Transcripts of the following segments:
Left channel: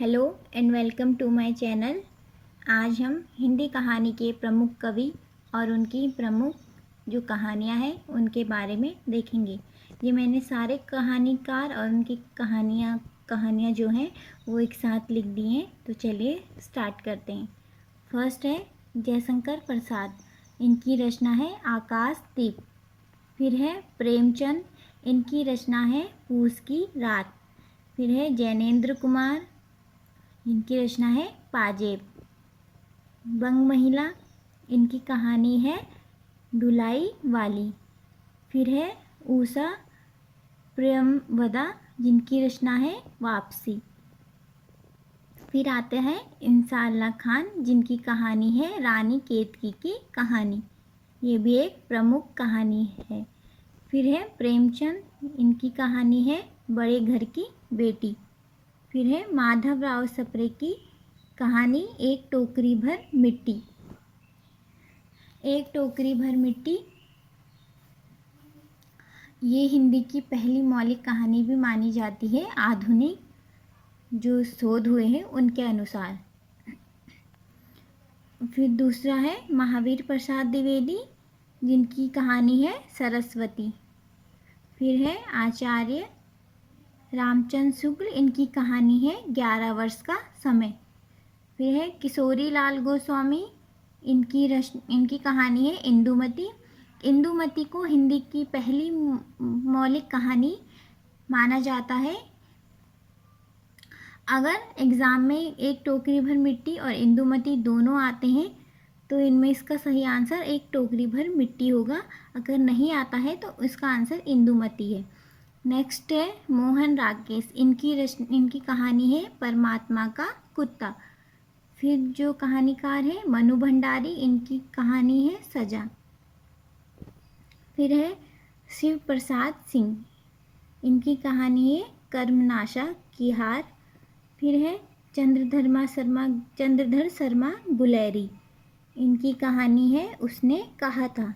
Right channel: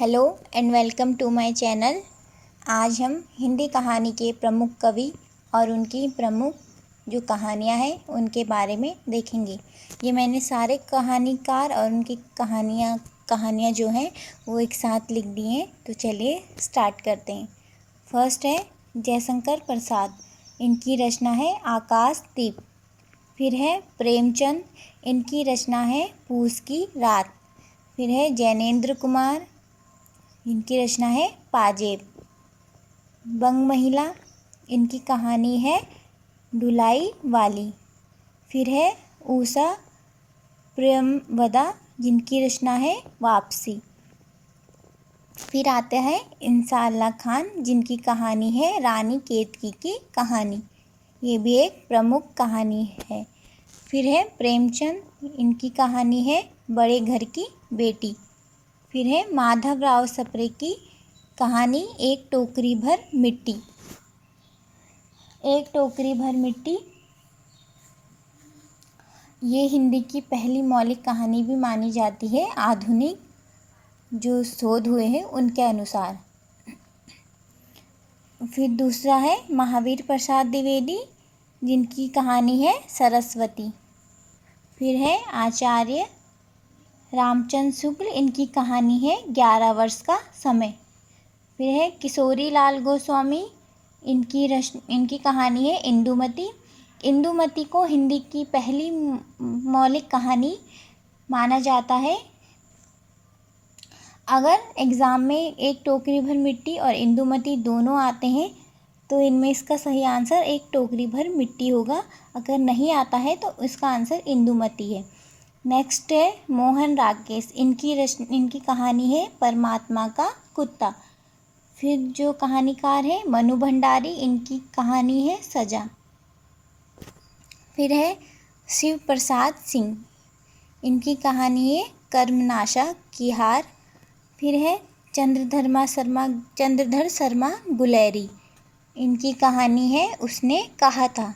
Hello and welcome to my channel. आज हम हिंदी कहानी के प्रमुख कवि और उनकी प्रमुख जो कहानियाँ हैं उनके बारे में देखेंगे। ये मैंने सारे कहानीकार और उनकी कहानियाँ जो हैं वो एक साथ लिख दी हैं। तो चलिए स्टार्ट करते हैं। फर्स्ट है जयशंकर प्रसाद, इनकी रचना है आकाश दीप। फिर है प्रेमचंद, इनकी रचना है पूस की रात। फिर है जैनेन्द्र कुमार, इनकी रचना है पाजेब। बंग महिला, इनकी कहानी है ढुलाई वाली। फिर है उषा प्रियमवदा, जिनकी रचना है वापसी। फिर आते हैं इंसाअल्लाह खान, जिनकी कहानी है रानी केतकी की कहानी। ये भी एक प्रमुख कहानी है। फिर है प्रेमचंद, इनकी कहानी है बड़े घर की बेटी। फिर है माधवराव सप्रे की कहानी एक टोकरी भर मिट्टी। एक टोकरी भर मिट्टी ये हिंदी की पहली मौलिक कहानी भी मानी जाती है, आधुनिक जो शोध हुए हैं उनके अनुसार। फिर दूसरा है महावीर प्रसाद द्विवेदी, जिनकी कहानी है सरस्वती। फिर है आचार्य रामचंद्र शुक्ल, इनकी कहानी है 11 वर्ष का समय। फिर है किशोरी लाल गोस्वामी, इनकी कहानी है इंदुमती। इंदुमती को हिंदी की पहली मौलिक कहानी माना जाता है। अगर एग्ज़ाम में एक टोकरी भर मिट्टी और इंदुमती दोनों आते हैं तो इनमें इसका सही आंसर एक टोकरी भर मिट्टी होगा। अगर नहीं आता है तो इसका आंसर इंदुमती है। नेक्स्ट है मोहन राकेश, इनकी कहानी है परमात्मा का कुत्ता। फिर जो कहानीकार है मनु भंडारी, इनकी कहानी है सजा। फिर है शिव प्रसाद सिंह, इनकी कहानी है कर्मनाशा की हार। फिर है चंद्रधर शर्मा गुलेरी, इनकी कहानी है उसने कहा था।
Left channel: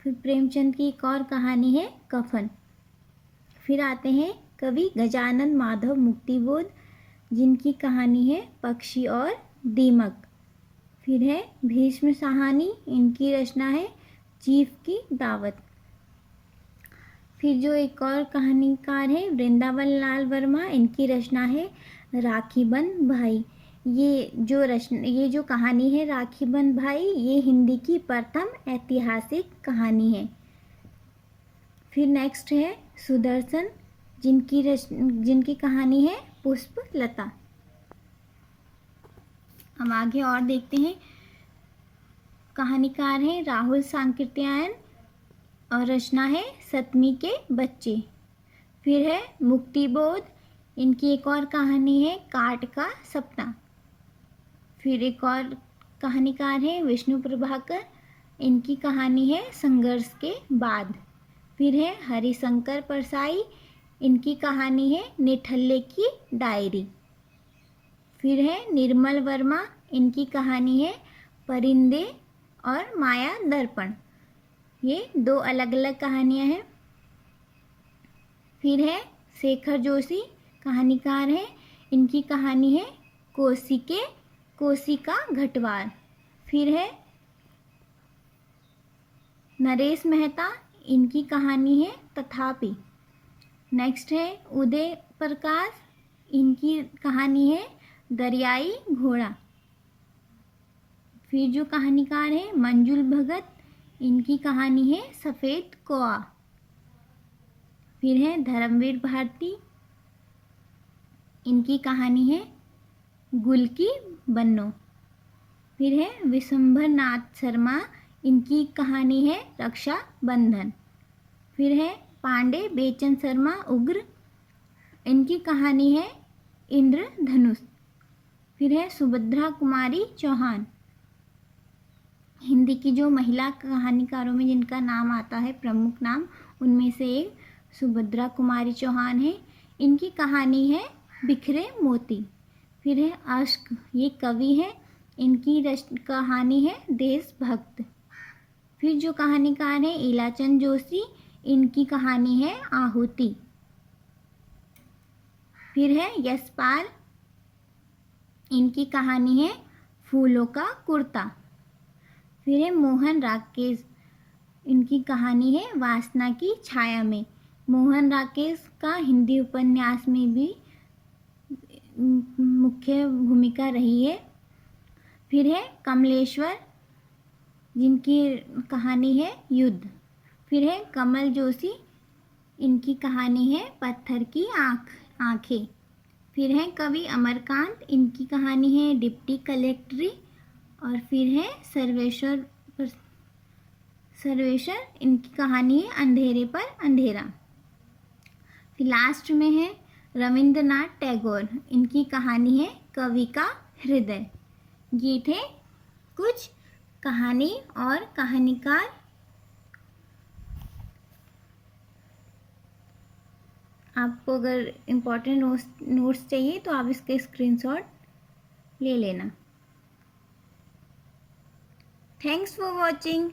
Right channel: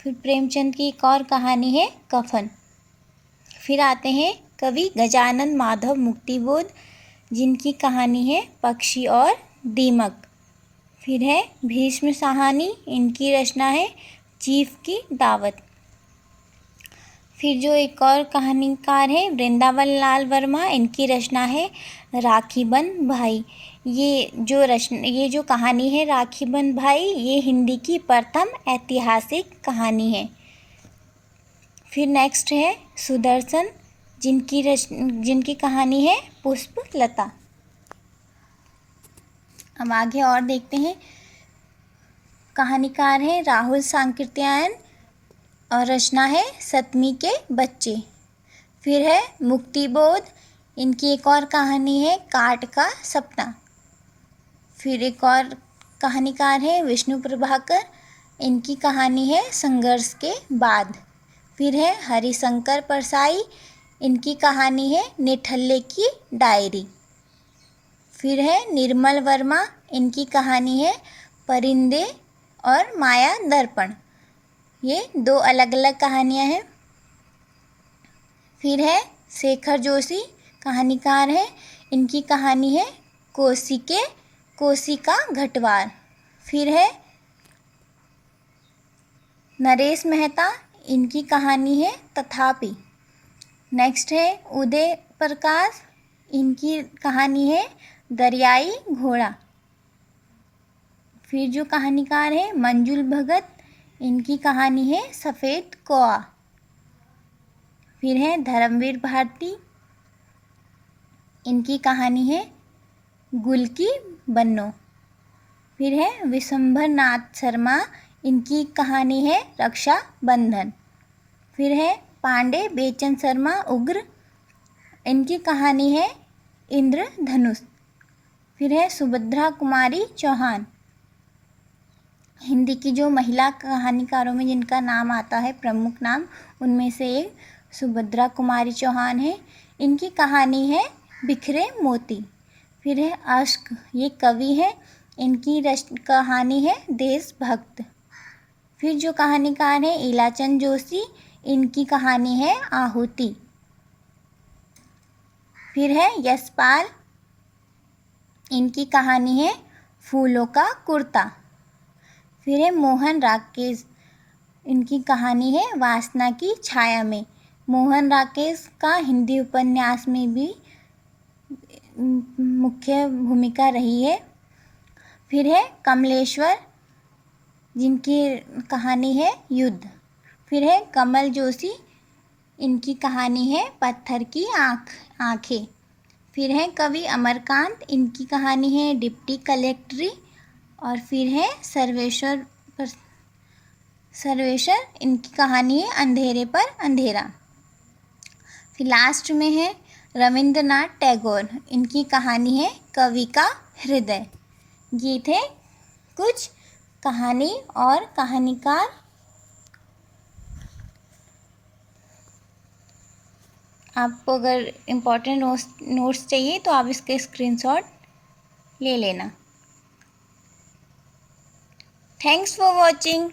फिर प्रेमचंद की एक और कहानी है कफन। फिर आते हैं कवि गजानन माधव मुक्तिबोध, जिनकी कहानी है पक्षी और दीमक। फिर है भीष्म साहनी, इनकी रचना है चीफ की दावत। फिर जो एक और कहानीकार है वृंदावन लाल वर्मा, इनकी रचना है राखी बंध भाई। ये जो कहानी है राखी बंध भाई, ये हिंदी की प्रथम ऐतिहासिक कहानी है। फिर नेक्स्ट है सुदर्शन, जिनकी कहानी है पुष्पलता। अब आगे और देखते हैं। कहानीकार हैं राहुल सांकृत्यायन और रचना है सतमी के बच्चे। फिर है मुक्तिबोध, इनकी एक और कहानी है काट का सपना। फिर एक और कहानीकार है विष्णु प्रभाकर, इनकी कहानी है संघर्ष के बाद। फिर है हरिशंकर परसाई, इनकी कहानी है निठल्ले की डायरी। फिर है निर्मल वर्मा, इनकी कहानी है परिंदे और माया दर्पण। ये दो अलग अलग कहानियाँ हैं। फिर है शेखर जोशी, कहानीकार हैं, इनकी कहानी है कोसी का घटवार। फिर है नरेश मेहता, इनकी कहानी है तथापि। नेक्स्ट है उदय प्रकाश, इनकी कहानी है दरियाई घोड़ा। फिर जो कहानीकार है मंजुल भगत, इनकी कहानी है सफ़ेद कौआ। फिर है धर्मवीर भारती, इनकी कहानी है गुल की बन्नो। फिर है विशंभर नाथ शर्मा, इनकी कहानी है रक्षा बंधन। फिर है पांडे बेचन शर्मा उग्र, इनकी कहानी है इंद्रधनुष। फिर है सुभद्रा कुमारी चौहान, हिंदी की जो महिला कहानीकारों में जिनका नाम आता है प्रमुख नाम, उनमें से एक सुभद्रा कुमारी चौहान है, इनकी कहानी है बिखरे मोती। फिर है अश्क, ये कवि है, इनकी कहानी है देशभक्त। फिर जो कहानीकार हैं इलाचंद जोशी, इनकी कहानी है आहुति। फिर है यशपाल, इनकी कहानी है फूलों का कुर्ता। फिर है मोहन राकेश, इनकी कहानी है वासना की छाया में। मोहन राकेश का हिंदी उपन्यास में भी मुख्य भूमिका रही है। फिर है कमलेश्वर, जिनकी कहानी है युद्ध। फिर है कमल जोशी, इनकी कहानी है पत्थर की आँखें। फिर है कवि अमरकांत, इनकी कहानी है डिप्टी कलेक्ट्री। और फिर है सर्वेश्वर, इनकी कहानी है अंधेरे पर अंधेरा। फिर लास्ट में है रविंद्रनाथ टैगोर, इनकी कहानी है कवि का हृदय। ये थे कुछ कहानी और कहानीकार। आपको अगर इम्पोर्टेंट नोट्स चाहिए तो आप इसके स्क्रीनशॉट ले लेना। Thanks for watching.